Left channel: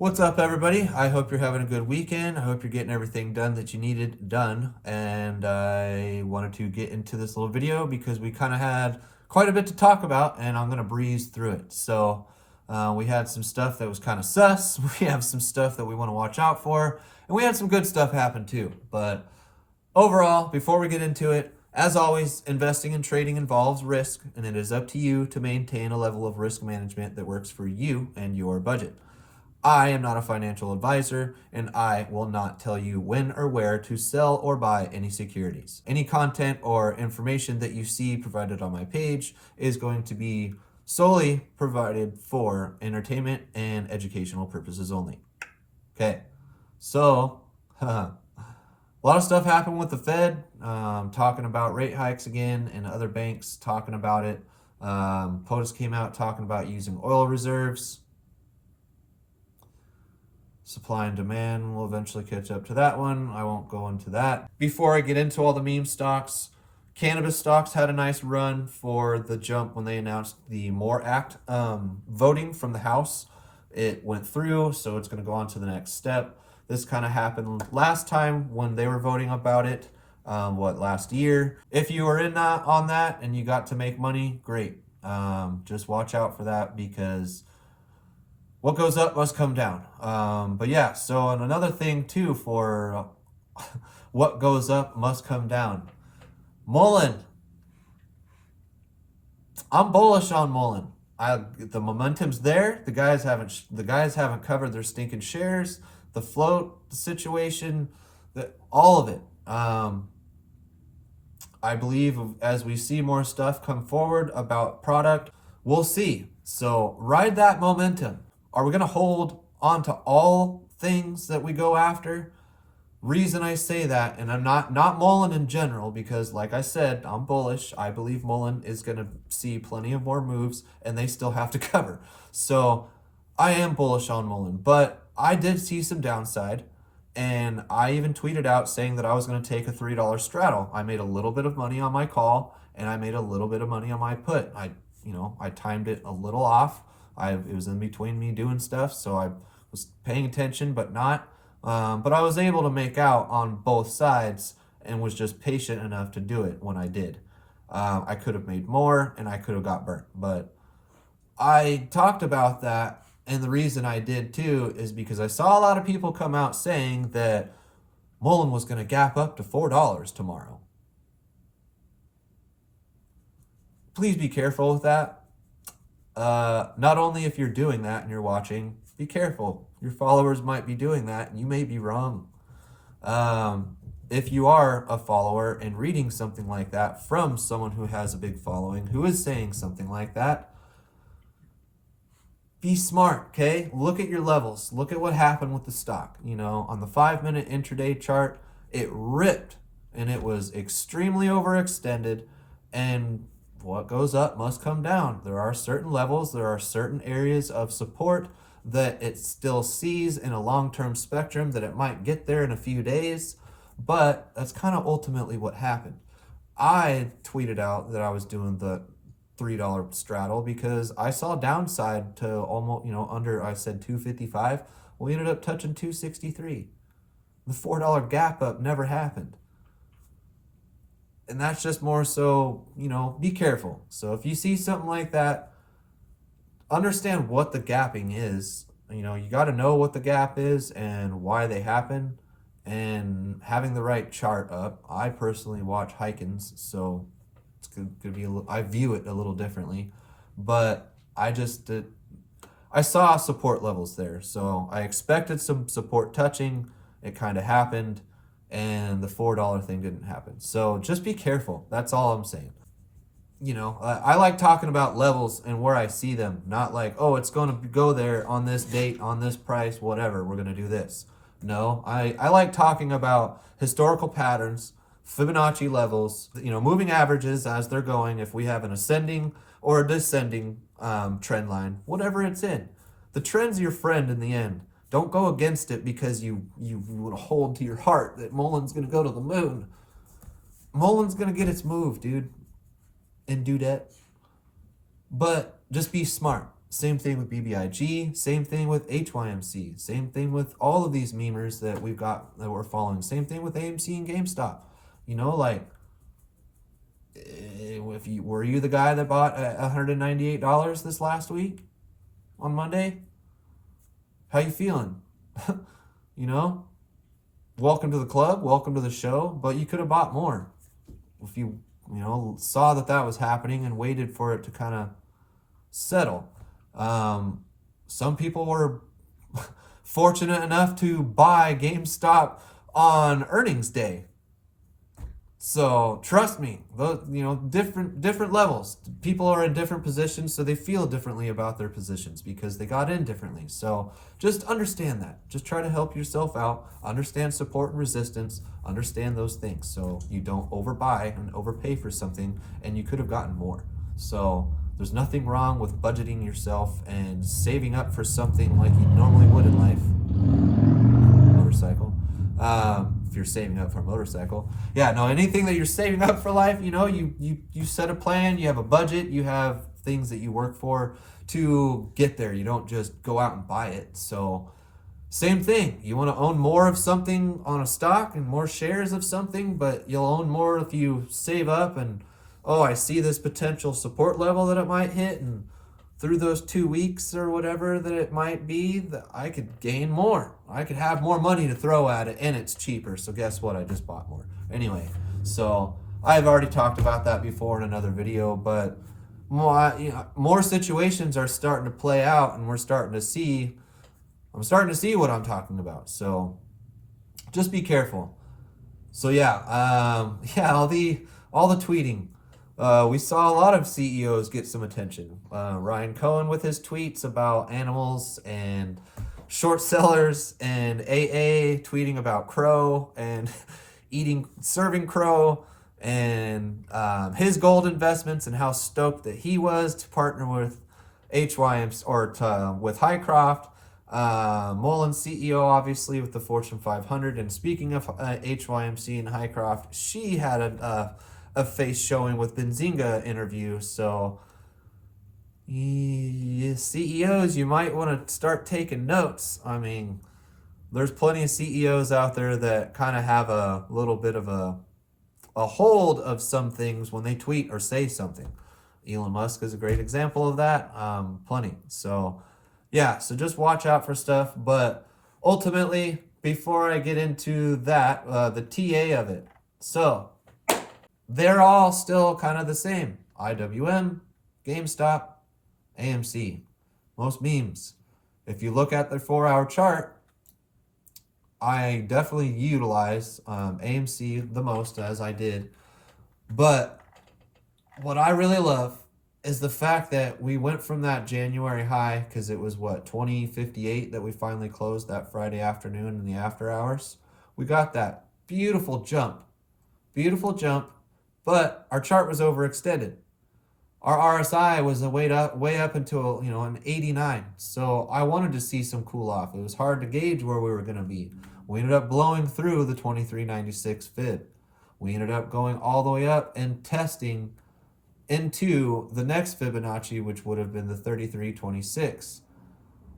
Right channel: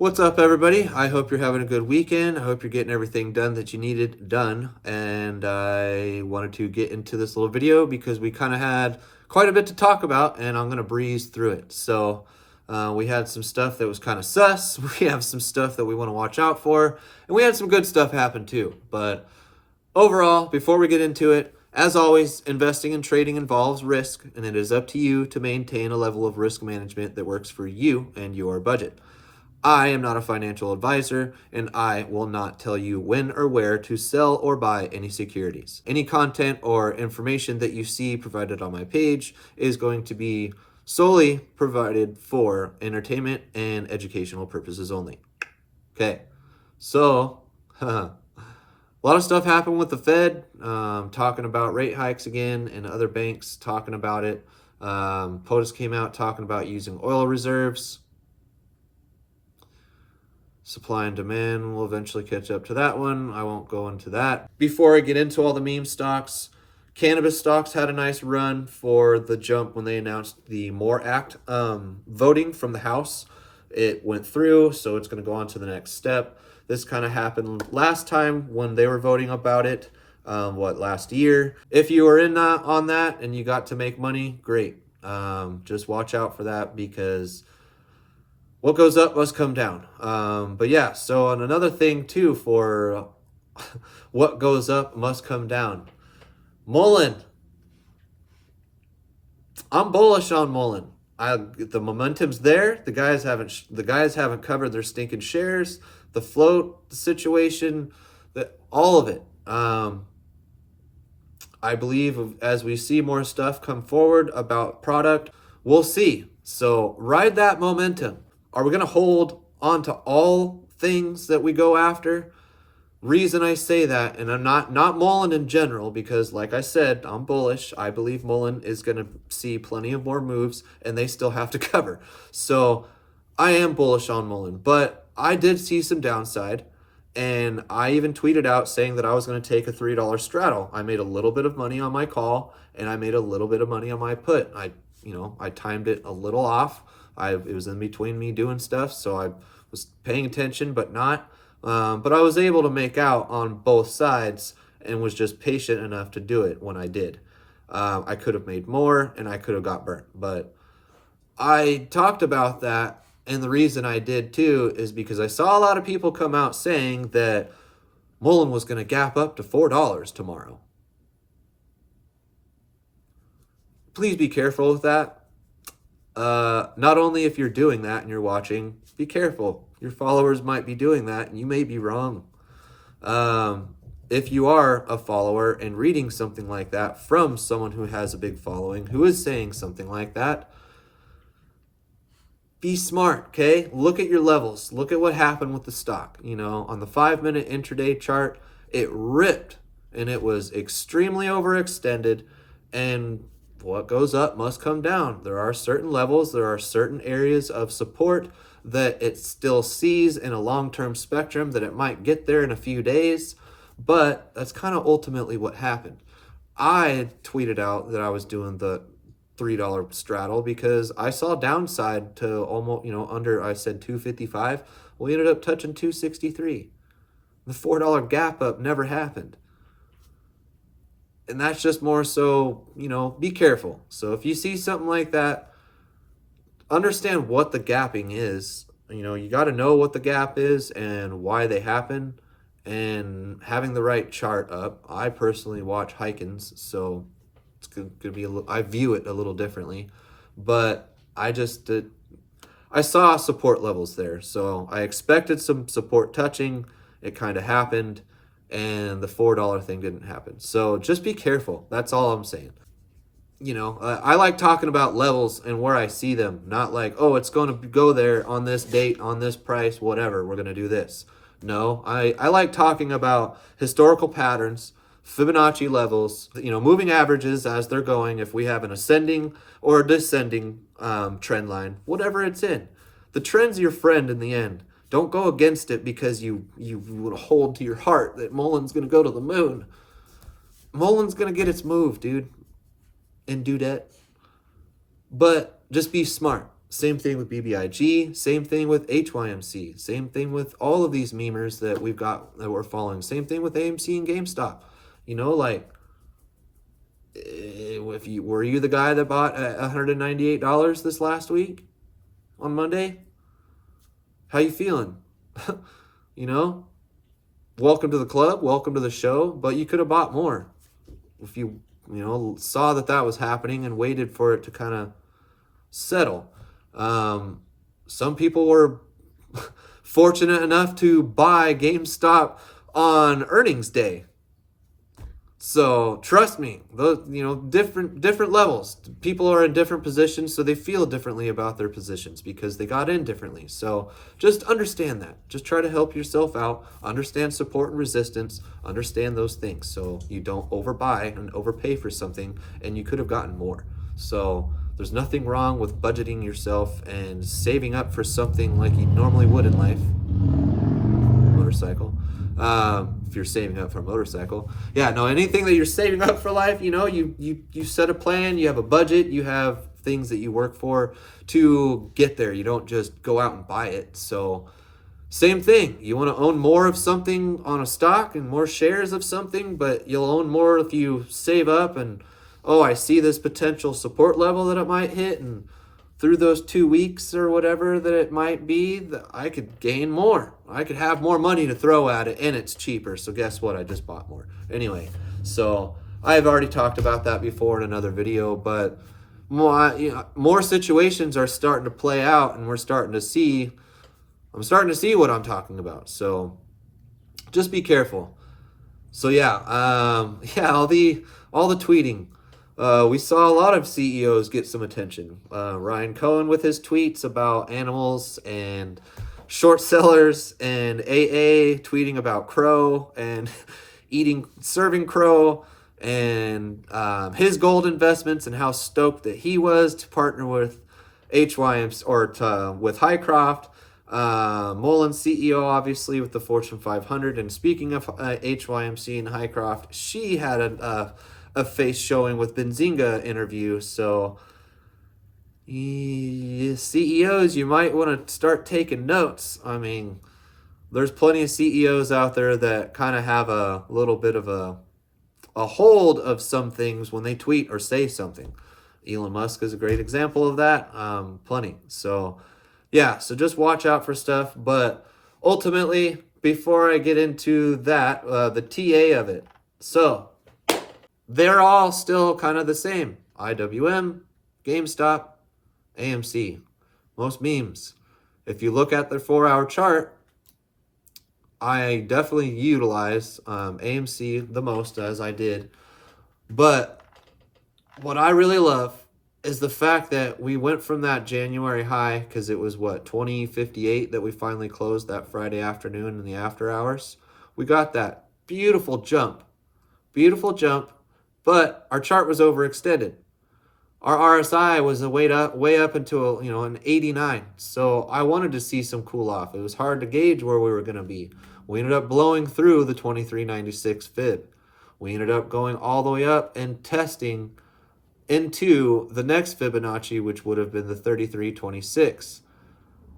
What's up, everybody? I hope you're having a good weekend. I hope you're getting everything done that you needed done. And I wanted to get into this little video because we kind of had quite a bit to talk about, and I'm going to breeze through it. So, we had some stuff that was kind of sus. We have some stuff that we want to watch out for, and we had some good stuff happen too. But overall, before we get into it, as always, investing and trading involves risk, and it is up to you to maintain a level of risk management that works for you and your budget. I am not a financial advisor, and I will not tell you when or where to sell or buy any securities. Any content or information that you see provided on my page is going to be solely provided for entertainment and educational purposes only. Okay, so a lot of stuff happened with the Fed, talking about rate hikes again, and other banks talking about it. POTUS came out talking about using oil reserves. Supply and demand will eventually catch up to that one. I won't go into that. Before I get into all the meme stocks, cannabis stocks had a nice run for the jump when they announced the MORE Act voting from the House. It went through, so it's going to go on to the next step. This kind of happened last time when they were voting about it, last year. If you were in on that and you got to make money, great. Just watch out for that because what goes up must come down. But yeah, so on another thing too for what goes up must come down. Mullen. I'm bullish on Mullen. The momentum's there. The guys haven't covered their stinking shares. The float, the situation, all of it. I believe as we see more stuff come forward about product, we'll see. So ride that momentum. Are we going to hold on to all things that we go after? Reason I say that, and I'm not Mullen in general, because like I said, I'm bullish. I believe Mullen is going to see plenty of more moves, and they still have to cover. So I am bullish on Mullen, but I did see some downside, and I even tweeted out saying that I was going to take a $3 straddle. I made a little bit of money on my call, and I made a little bit of money on my put. I timed it a little off. It was in between me doing stuff, so I was paying attention, but not. But I was able to make out on both sides and was just patient enough to do it when I did. I could have made more and I could have got burnt, but I talked about that, and the reason I did too is because I saw a lot of people come out saying that Mullen was going to gap up to $4 tomorrow. Please be careful with that. Not only if you're doing that and you're watching, be careful. Your followers might be doing that and you may be wrong. If you are a follower and reading something like that from someone who has a big following, who is saying something like that, be smart, okay? Look at your levels. Look at what happened with the stock. On the 5-minute intraday chart, it ripped and it was extremely overextended, and what goes up must come down. There are certain levels, there are certain areas of support that it still sees in a long-term spectrum that it might get there in a few days, but that's kind of ultimately what happened. I tweeted out that I was doing the $3 straddle because I saw downside to almost, under, I said 255. We ended up touching 263. The $4 gap up never happened. And that's just more so, be careful. So if you see something like that, understand what the gapping is. You got to know what the gap is and why they happen, and having the right chart up. I personally watch Huygens, so it's going to be I view it a little differently, but I saw support levels there. So I expected some support touching. It kind of happened, and the $4 thing didn't happen. So just be careful. That's all I'm saying. I like talking about levels and where I see them, not like, oh, it's going to go there on this date, on this price, whatever, we're going to do this. No, I like talking about historical patterns, Fibonacci levels, moving averages as they're going, if we have an ascending or a descending trend line, whatever it's in. The trend's your friend in the end. Don't go against it because you would hold to your heart that Mullen's going to go to the moon. Mullen's going to get its move, dude, and dudette. But just be smart. Same thing with BBIG. Same thing with HYMC. Same thing with all of these memers that we've got that we're following. Same thing with AMC and GameStop. You know, like, were you the guy that bought $198 this last week on Monday? How you feeling? You know, welcome to the club, welcome to the show, but you could have bought more if saw that was happening and waited for it to kind of settle. Some people were fortunate enough to buy GameStop on earnings day. So trust me, different levels. People are in different positions, so they feel differently about their positions because they got in differently. So just understand that. Just try to help yourself out. Understand support and resistance. Understand those things so you don't overbuy and overpay for something, and you could have gotten more. So there's nothing wrong with budgeting yourself and saving up for something like you normally would in life. Motorcycle. If you're saving up for a motorcycle. Yeah, no, anything that you're saving up for life, you set a plan, you have a budget, you have things that you work for to get there. You don't just go out and buy it. So same thing. You want to own more of something on a stock and more shares of something, but you'll own more if you save up and, I see this potential support level that it might hit, and through those 2 weeks or whatever that it might be, I could gain more. I could have more money to throw at it, and it's cheaper. So guess what? I just bought more. Anyway, so I've already talked about that before in another video, but more situations are starting to play out, and I'm starting to see what I'm talking about. So just be careful. So all the tweeting. We saw a lot of CEOs get some attention. Ryan Cohen with his tweets about animals and short sellers, and AA tweeting about crow and serving crow, and his gold investments and how stoked that he was to partner with HYMC with Hycroft. Mullen CEO obviously with the Fortune 500. And speaking of HYMC and Hycroft, she had a face showing with Benzinga interview. So CEOs, you might want to start taking notes. I mean, there's plenty of CEOs out there that kind of have a little bit of a hold of some things when they tweet or say something. Elon Musk is a great example of that. Plenty. So so just watch out for stuff. But ultimately, before I get into that, the TA of it. So they're all still kind of the same. IWM, GameStop, AMC. Most memes. If you look at their 4-hour chart, I definitely utilize AMC the most, as I did. But what I really love is the fact that we went from that January high, because it was 2058 that we finally closed that Friday afternoon in the after hours. We got that beautiful jump, but our chart was overextended. Our RSI was way up until an 89. So I wanted to see some cool off. It was hard to gauge where we were going to be. We ended up blowing through the 2396 fib. We ended up going all the way up and testing into the next Fibonacci, which would have been the 3326.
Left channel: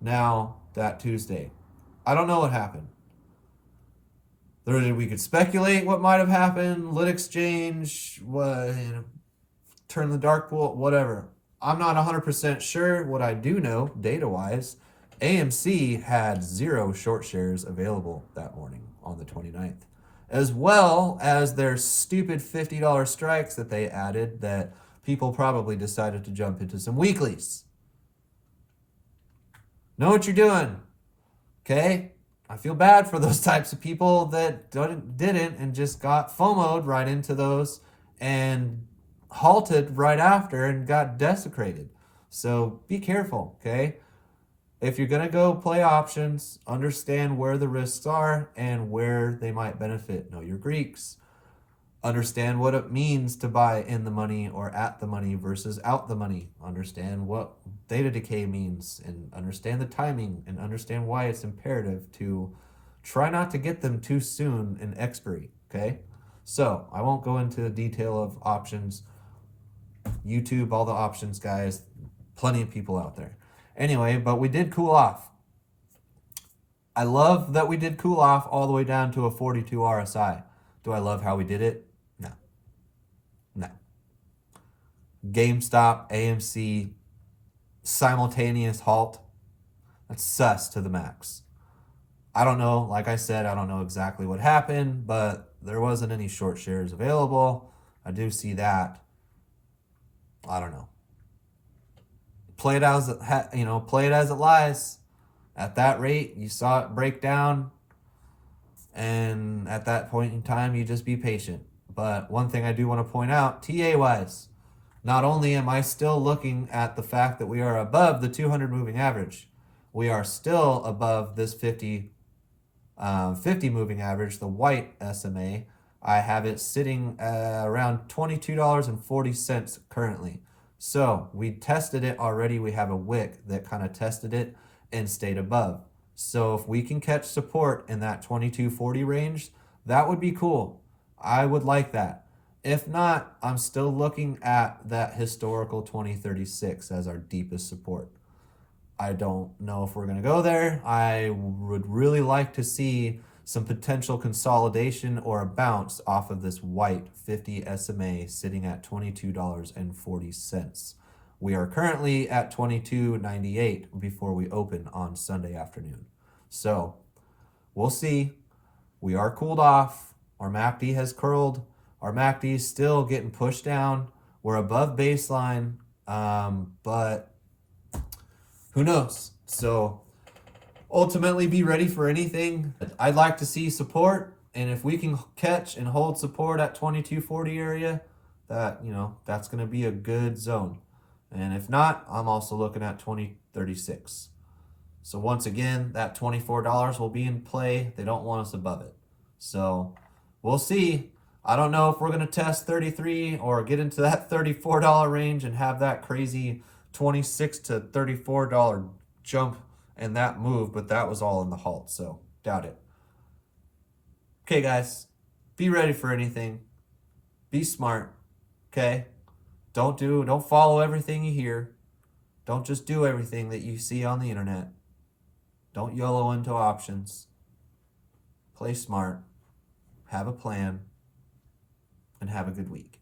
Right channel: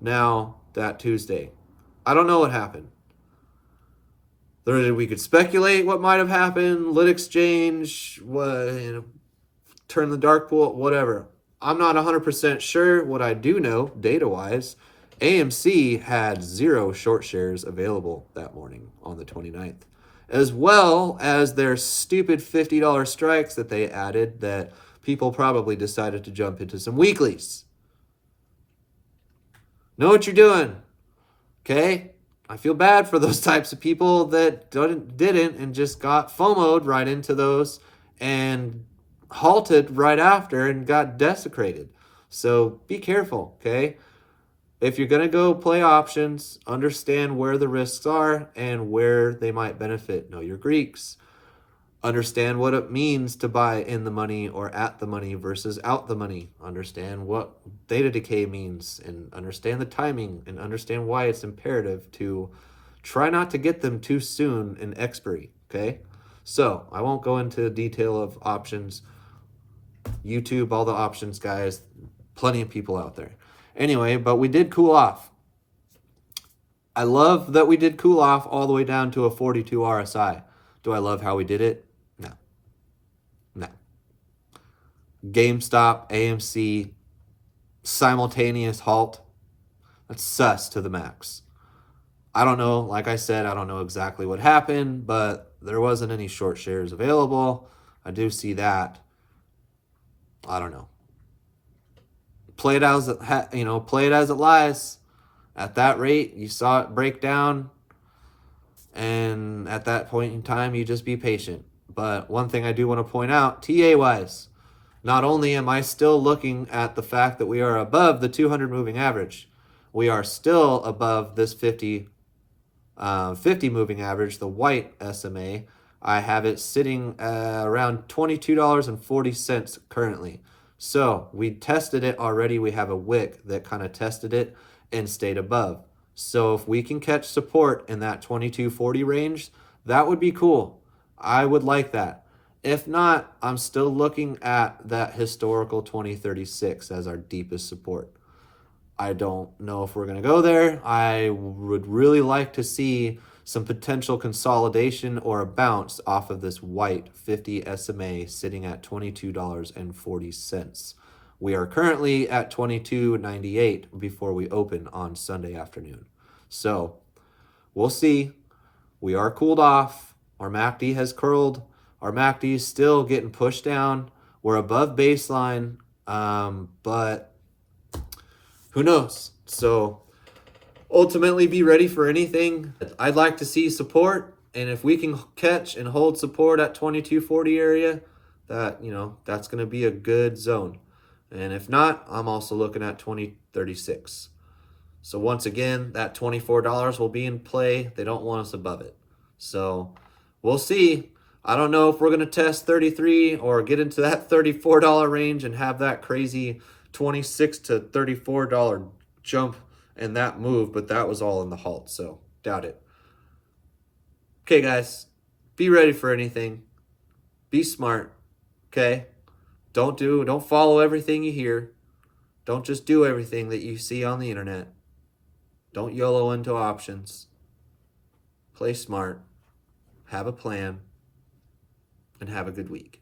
Now, that Tuesday. I don't know what happened. We could speculate what might have happened, lit exchange, turn the dark pool, whatever. I'm not 100% sure. What I do know, data-wise, AMC had 0 short shares available that morning on the 29th, as well as their stupid $50 strikes that they added that people probably decided to jump into some weeklies. Know what you're doing, okay? I feel bad for those types of people that didn't and just got FOMO'd right into those and halted right after and got desecrated. So be careful, okay? If you're going to go play options, understand where the risks are and where they might benefit. Know your Greeks. Understand what it means to buy in the money or at the money versus out the money. Understand what theta decay means and understand the timing and understand why it's imperative to try not to get them too soon in expiry, okay? So I won't go into detail of options. YouTube, all the options guys, plenty of people out there. Anyway, but we did cool off. I love that we did cool off all the way down to a 42 RSI. Do I love how we did it? No. No. GameStop, AMC, simultaneous halt. That's sus to the max. I don't know. Like I said, I don't know exactly what happened, but there wasn't any short shares available. I do see that. I don't know. Play it as play it as it lies. At that rate, you saw it break down, and at that point in time, you just be patient. But one thing I do want to point out, TA wise, not only am I still looking at the fact that we are above the 200 moving average, we are still above this 50 moving average, the white SMA. I have it sitting around $22.40 currently. So we tested it already. We have a wick that kind of tested it and stayed above. So if we can catch support in that 22.40 range, that would be cool. I would like that. If not, I'm still looking at that historical 2036 as our deepest support. I don't know if we're going to go there. I would really like to see some potential consolidation or a bounce off of this white 50 SMA sitting at $22.40. We are currently at $22.98 before we open on Sunday afternoon. So we'll see. We are cooled off. Our MACD has curled. Our MACD is still getting pushed down. We're above baseline, but who knows? So ultimately be ready for anything. I'd like to see support, and if we can catch and hold support at 22.40 area, that's going to be a good zone. And if not, I'm also looking at 2036. So once again, that $24 will be in play. They don't want us above it. So we'll see. I don't know if we're going to test 33 or get into that $34 range and have that crazy $26 to $34 jump and that move, but that was all in the halt, so doubt it. Okay, guys, be ready for anything. Be smart, okay? Don't follow everything you hear. Don't just do everything that you see on the internet. Don't YOLO into options. Play smart, have a plan, and have a good week.